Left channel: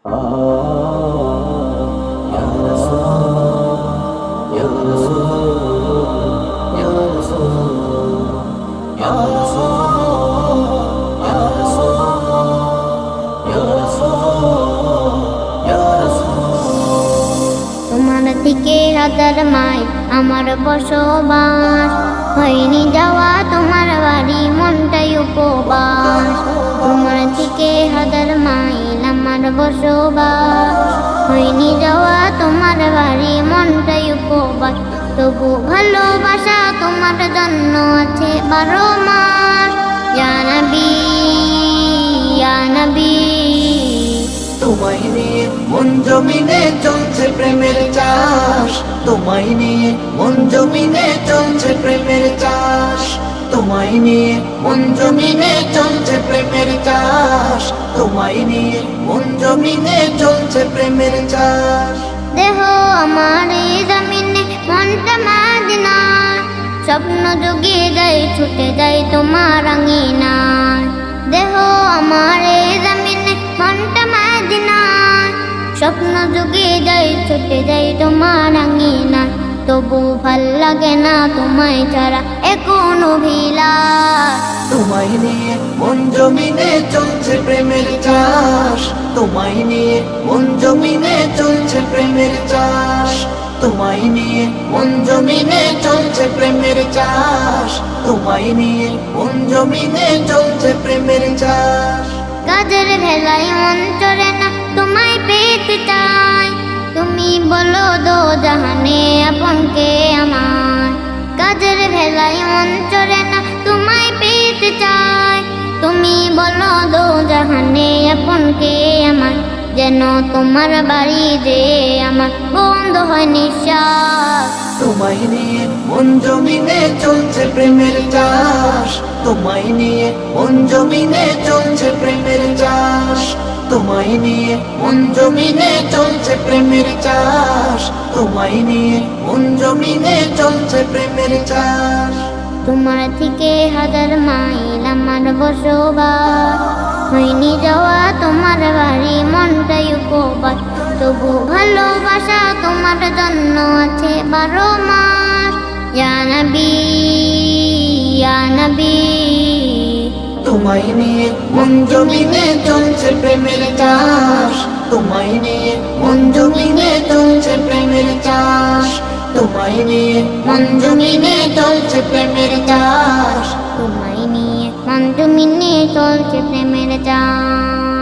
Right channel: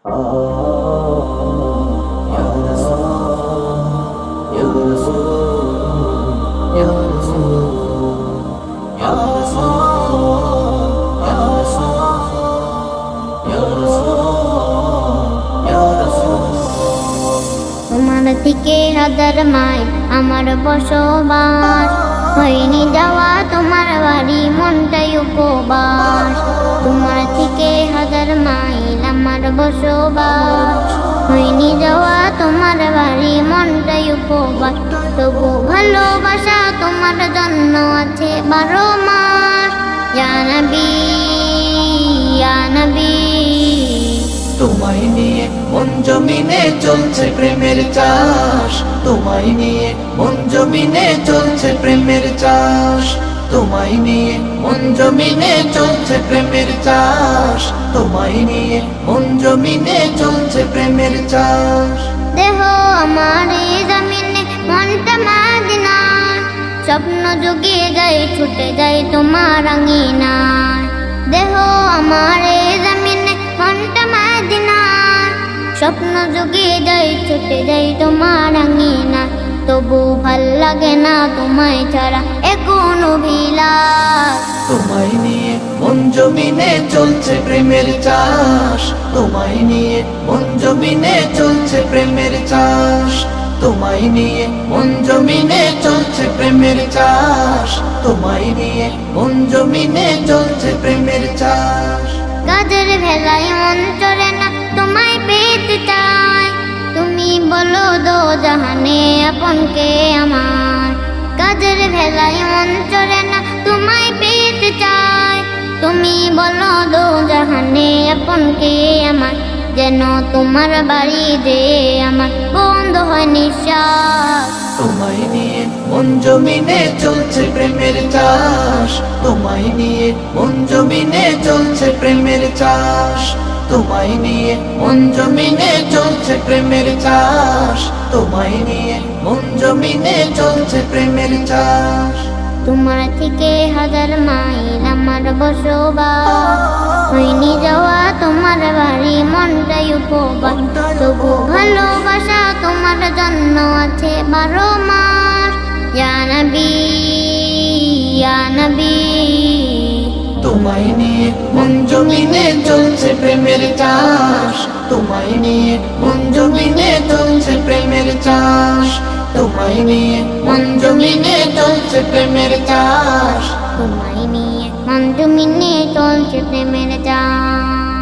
Ya Rasul, Ya Rasul, Ya Rasul, Ya Rasul, Ya Rasul, Ya Rasul, Ya Rasul। তোমার থেকে হাজার mile আমার বসবাস, হয়নি যাওয়া তোমার বাড়ি মনটাই উপবাস। তোমার থেকে হাজার মাইল আমার বসবাস, হয়নি যাওয়া তোমার বাড়ি মনটাই উপবাস। তবু ভালোবাসা তোমার জন্য আছে 12 মাস। ইয়া নবী, ইয়া নবী, তোমায় নিয়ে মন জমিনে চলছে প্রেমের চাষ, তোমায় নিয়ে মন জমিনে চলছে প্রেমের চাষ, তোমায় নিয়ে মন জমিনে চলছে প্রেমের চাষ, তোমায় নিয়ে মন জমিনে চলছে প্রেমের চাষ। দেহ আমার এই জমিনে মনটা মদিনায়, স্বপ্ন জুগিয়ে যায় ছুটে যায় তোমার আঙিনায়। দেহ আমার এই জমিনে মনটা মদিনায়, স্বপ্ন জুগিয়ে যায় ছুটে যায় তোমার আঙিনায়। তবু ভাল লাগে না তোমায় ছাড়া এ কোন অভিলাষ। তোমায় নিয়ে মন জমিনে চলছে প্রেমের চাষ, তোমায় নিয়ে মন জমিনে চলছে প্রেমের চাষ, তোমায় নিয়ে মন জমিনে চলছে প্রেমের চাষ, তোমায় নিয়ে মন জমিনে চলছে প্রেমের চাষ। গাজর ভেলায় মন চড়ে না তোমায় পেতে চাই, তুমি বলো দো জাহানে আপন কে আমার। গাজর ভেলায় মন চড়ে না তোমায় পেতে চাই, তুমি বলো দো জাহানে আপন কে আমার। যেন তোমার বাড়ি যে আমার বন্ধ হয় নিঃশ্বাস। তোমায় নিয়ে মন জমিনে চলছে প্রেমের চাষ, তোমায় নিয়ে মন জমিনে চলছে প্রেমের চাষ, তোমায় নিয়ে মন জমিনে চলছে প্রেমের চাষ, তোমায় নিয়ে মন জমিনে চলছে প্রেমের চাষ। তোমার থেকে হাজার মাইল আমার বসবাস, হয়নি যাওয়া তোমার বাড়ি মনটাই উপবাস। তবু ভালোবাসা তোমার জন্য আছে 12 মাস। ইয়া নবী, ইয়া নবী, তোমায় নিয়ে মন জমিনে চলছে প্রেমের চাষ, তোমায় নিয়ে মন জমিনে চলছে প্রেমের চাষ, তোমায় নিয়ে মন জমিনে চলছে প্রেমের চাষ। তোমায় নিয়ে মন জমিনে চলছে প্রেমের চাষ।